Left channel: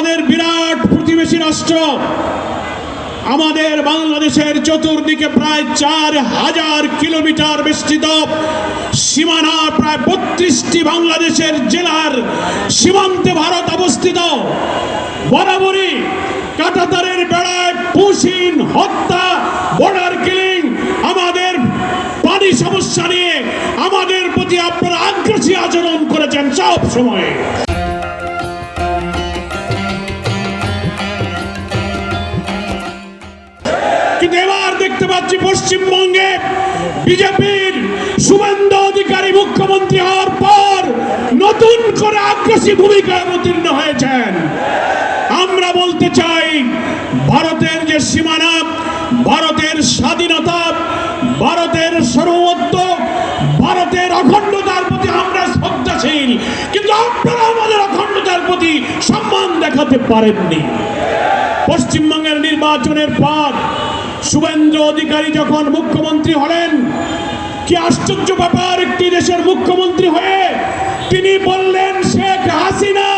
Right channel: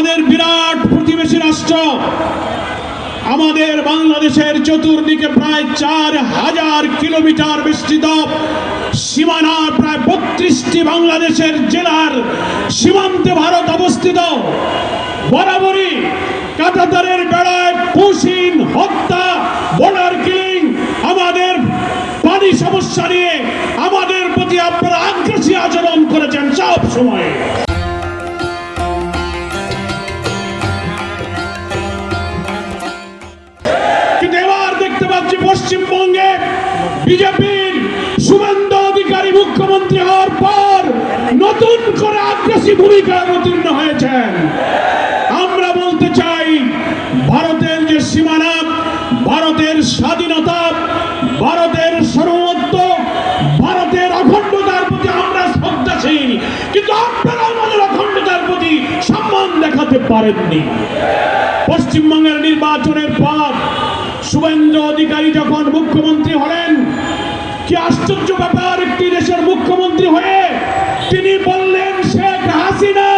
আমাদের বিরাট প্রতিবেশী রাষ্ট্র আমাদের বাংলাদেশের চতুর্দিকে প্রায় 4000 কিলোমিটার বিস্তৃত সীমানা, প্রায় 32টি বাংলাদেশের জেলার সীমান্তে ভারত অবস্থিত। বরাবরই কাঁটাতারের বেড়ায় পুশিন হত্যা, বর্ডার কিলিং, আমাদের পানি সমস্যা নিয়ে আমাদের প্রতি আপনারা আগ্রাসী আচরণ করেছেন সব সময়। কিন্তু এবার দেখতে পাচ্ছি পশ্চিমবঙ্গে বিজেপির শুভেন্দু অধিকারী মুখ্যমন্ত্রী হওয়ার পর নতুন করে আগ্রাসী ভূমিকায় অবতীর্ণ হয়েছেন। আমরা বলতে চাই, ভারতের যে সীমানা, ভারতের স্বাধীনতা, ভারতের সার্বভৌমত্ব, ভারতের অখণ্ডতার প্রতি আমরা শ্রদ্ধাশীল, কিন্তু আপনারা আমাদের অখণ্ডতার প্রতি সম্মান দেখাতে পারেননি। পশ্চিমবঙ্গের নির্বাচনের পর শুভেন্দু অধিকারী যখন মুখ্যমন্ত্রী হলেন, কি আশ্চর্য ব্যাপার, একটি দেশের মুখ্যমন্ত্রী হয়ে তিনি বললেন শেখ হাসিনা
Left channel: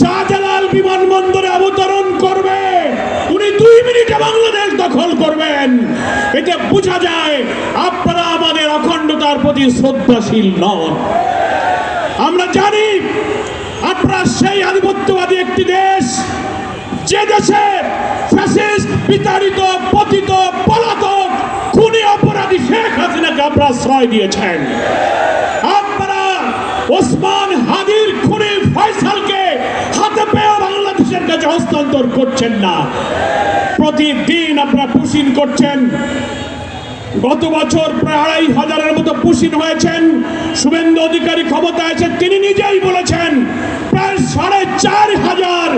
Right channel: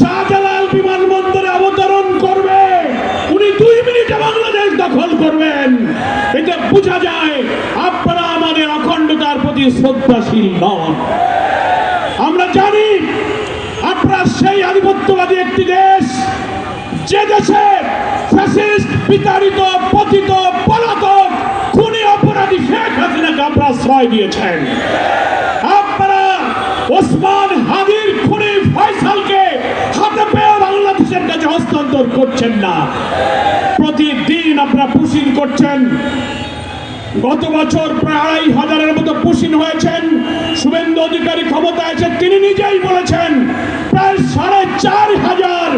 শাহজালাল বিমানবন্দরে অবতরণ করবে, উনি 2 মিনিটে বাংলাদেশ দখল করবেন। এটা বোঝা যায় আপনারা আমাদের অখণ্ডতার প্রতি শ্রদ্ধাশীল নন। আমরা জানি আপনারা সেই আধিপত্যবাদী একটি দেশ, যে দেশে ফ্যাসিস্ট, বিতাড়িত, পতিত, পলাতক, খুনি অপরাধী শেখ হাসিনাকে আপনারা আশ্রয় দিয়েছেন। আপনারা ওসমান হাদির খুনি ফয়সালকে হাতে পেয়ে বাংলাদেশের কাছে হস্তান্তর করছেন না। প্রতিদিন আপনারা পুশিন করছেন। গত বছর প্রায় 2500-এর মতো পুশিন হয়েছেন। শুভেন্দু অধিকারী ক্ষমতায় এসে তিনি নিজেই বলেছেন প্রায় 4500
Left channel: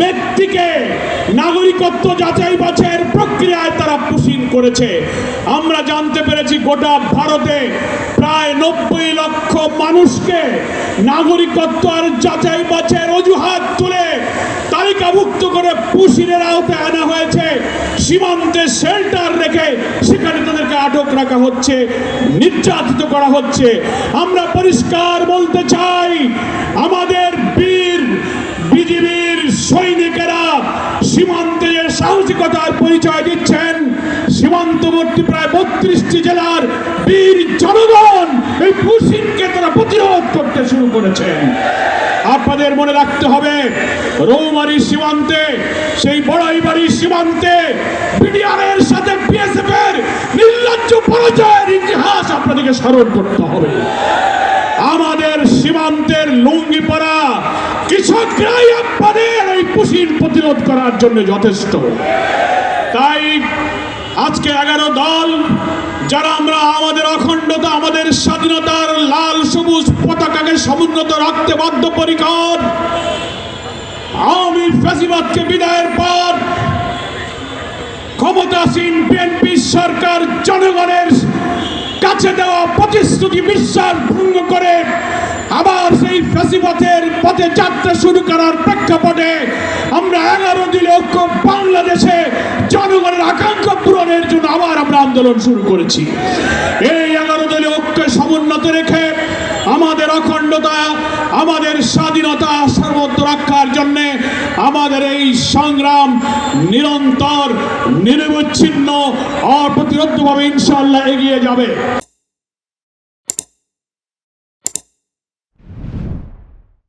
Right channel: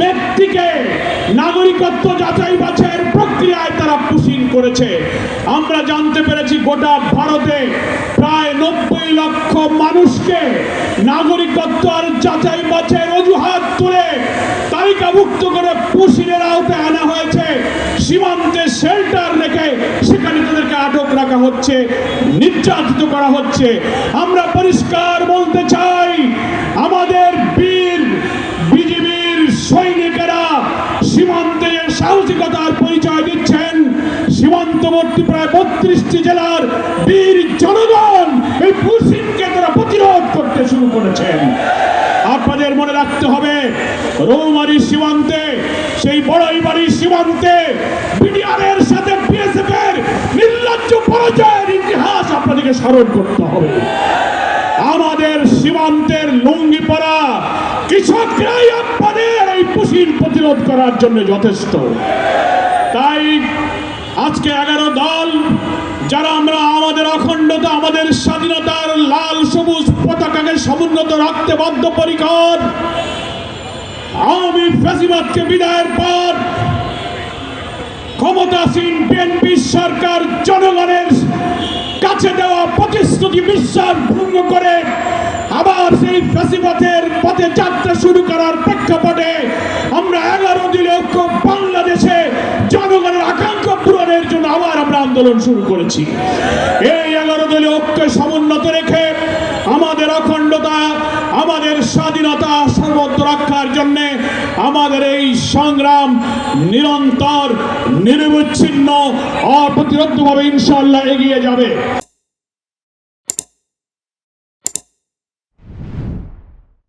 ব্যক্তিকে নাগরিকত্ব যাচাই বাছাইয়ের প্রক্রিয়ায় তারা পুশিন করেছে। আমরা জানতে পেরেছি গোটা ভারতে প্রায় 90 লক্ষ মানুষকে নাগরিকত্ব আর যাচাই বাছাইয়ের অজুহাত তুলে তালিকাভুক্ত করে পুশিনের আওতায় আনা হয়েছে। সীমান্তে শেল্টার রেখে সেখানে তাদেরকে আটক রাখা হচ্ছে, নির্যাতিত করা হচ্ছে। আমরা পরিষ্কার বলতে চাই, আমাদের বীর বিজিবির সৈনিকেরা সীমান্তে যে সাহসিকতার পরিচয় দিচ্ছেন, সীমান্তবর্তী প্রায় 32টি জেলার বীর জনগণ এই পুশিনকে তারা প্রতিরোধ করতে শুরু করেছেন। আপনাদের মনে রাখতে হবে, রৌমারী সীমান্তে, সেই বড়াইবাড়ি সীমান্তে বিডিআরের সাথে বিএসএফ এর নির্লজ্জ পরাজয়ের ইতিহাস আপনাদেরকে স্মরণ করতে হবে। আমাদের সীমান্তের লুঙ্গি পরা কৃষকরাই আপনাদের এই পুশিন প্রতিরোধ করার জন্য যথেষ্ট। তাই আজকে 11 দল যারা আমরা আমাদের অখণ্ডতা, আমাদের স্বাধীনতার লাল সবুজ পতাকাকে সমুন্নত রাখতে বদ্ধপরিকর, আওয়ামী ফ্যাসিবাদকে বিদায়ের পর ক্ষমতাসীন বিএনপি সরকার জনগণের কাছে দেওয়া প্রতিশ্রুতি বিশ্বাস ভঙ্গ করে আবার সেই ফ্যাসিবাদের পথে যাত্রা শুরু করার প্রেক্ষাপটে আমরা 11 দলীয় ঐক্য বাংলাদেশে জনগণের আকাঙ্ক্ষা পূরণের জন্য আবার আমরা আন্দোলন শুরু করেছি। এই 11 দলীয় ঐক্য সমুন্নত রেখে আমাদের অখণ্ডতা, আমাদের স্বাধীনতা সর্বত্র রক্ষার জন্য আমাদের এই সংগ্রাম নিরন্তর, নিরবচ্ছিন্ন, অপ্রতিরোধ্যভাবে ইনশাআল্লাহ এগিয়ে যাবে।